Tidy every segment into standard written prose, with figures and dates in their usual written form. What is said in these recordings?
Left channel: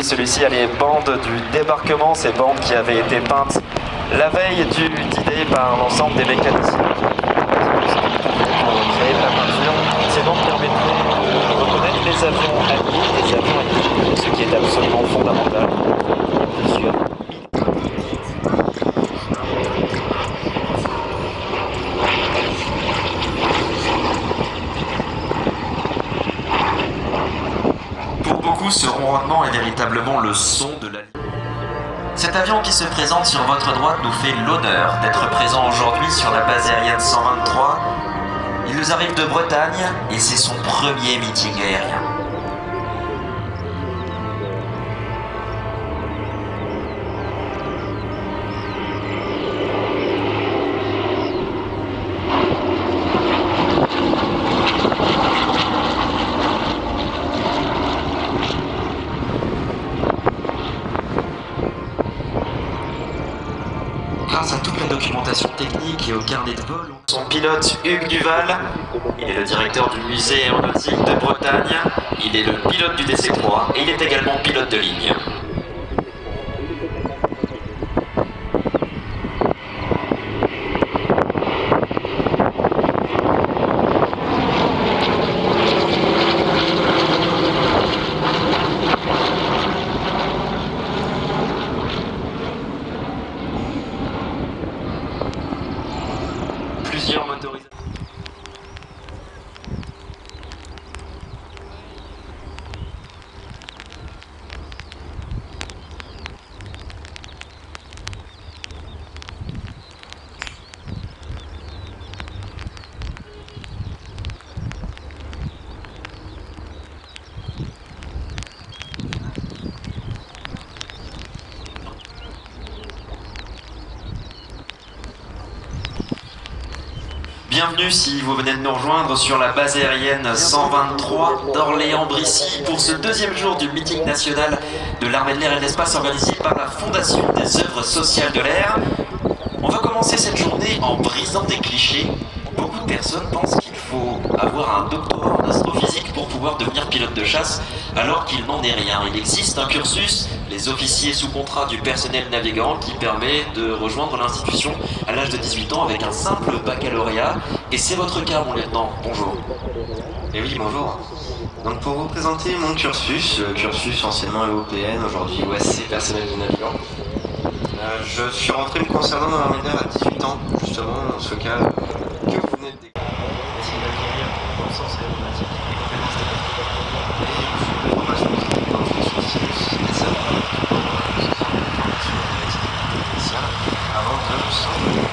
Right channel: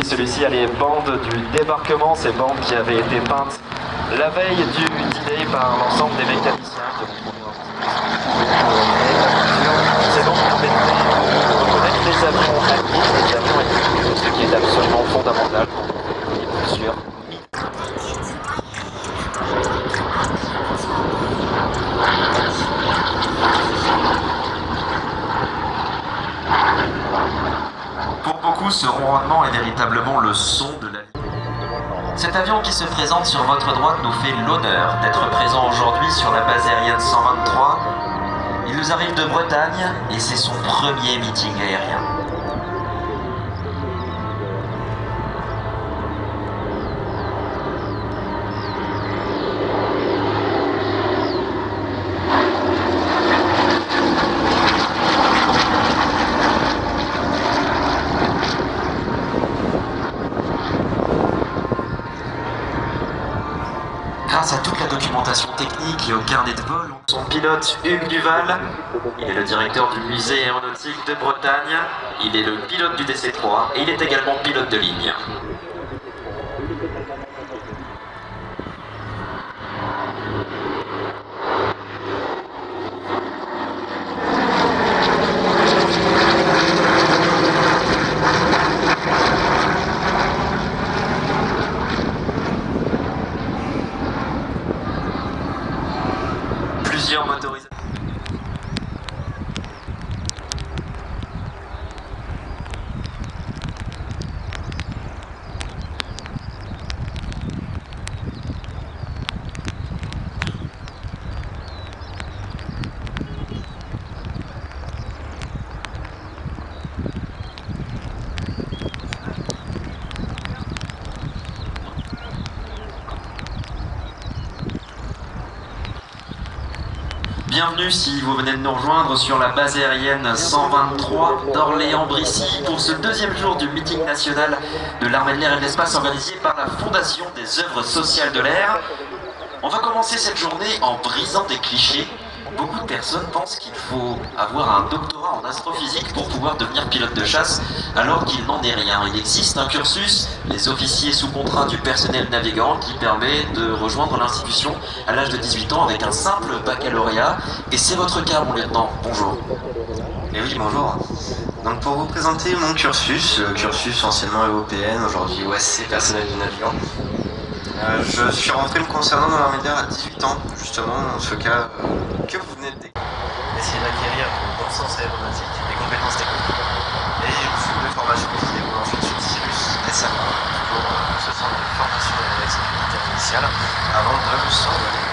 Oui, celui-ci a les bandes du débarquement, ces bandes qui avaient été peintes la veille du D-Day par l'ensemble des mécaniciens. C'est donc permettrait de reconnaître les avions alliés, ce qui est absolument fondamental. Il y a plusieurs. Pour beaucoup, ce ronronnement est véritablement le son de la... Cet avion qui se présente sur votre droite nous fait l'honneur d'être présent aujourd'hui sur la base aérienne 123. Il nous arrive de Bretagne et c'est son premier meeting aérien. Grâce à toute la documentation technique et au carnet de vol, son pilote Hugues Duval, il est le directeur du musée aéronautique de Bretagne, il est le pilote du DC-3 et il est également pilote de ligne. Plusieurs motorisations. Bienvenue si vous venez de nous rejoindre sur la base aérienne 123 d'Orléans-Brissy pour ce deuxième jour du meeting national de l'armée de l'air et de l'espace organisé par la Fondation des œuvres sociales de l'air. On va commencer cette journée en brisant des clichés. Beaucoup de personnes pensent qu'il faut avoir un doctorat en astrophysique pour pouvoir devenir pilote de chasse, alors qu'il n'en est rien. Il existe un cursus, les officiers sous contrat du personnel navigant, qui permet de rejoindre l'institution à l'âge de 18 ans avec un simple baccalauréat. Et c'est votre cas, mon lieutenant. Bonjour. Et oui, bonjour. Donc pour vous présenter mon cursus, cursus anciennement EOPN, aujourd'hui OSC, personnel du navigant. Je suis rentré me concernant dans l'armée de l'air à 18 ans, justement, dans ce cas que vous venez de décrire. Essayer d'acquérir une connaissance aéronautique, des compétences techniques, et aussi une formation physique dans une Cyrus, les salles, une formation de sécurité initiale, avant de s'envoler.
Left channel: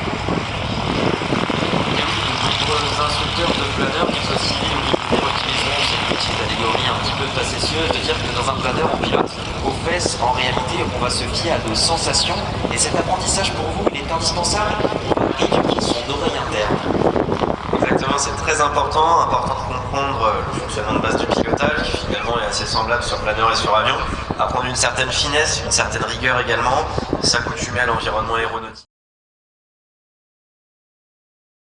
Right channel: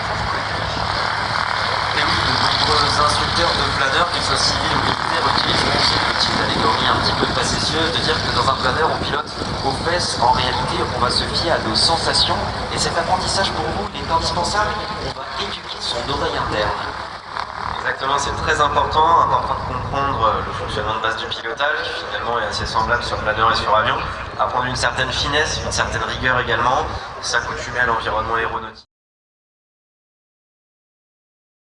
Et oui, de nombreux instructeurs de planeurs, qu'ils soient civils ou militaires, utiliseront cette petite allégorie un petit peu facétieuse de dire que dans un planeur, on pilote aux fesses. En réalité, on va se fier à nos sensations, et cet apprentissage pour vous, il est indispensable. On va éduquer son oreille interne. Exactement, c'est très important de comprendre le fonctionnement de base du pilotage, qui finalement est assez semblable sur planeur et sur avion, apprendre une certaine finesse, une certaine rigueur également, s'accoutumer à l'environnement aéronautique.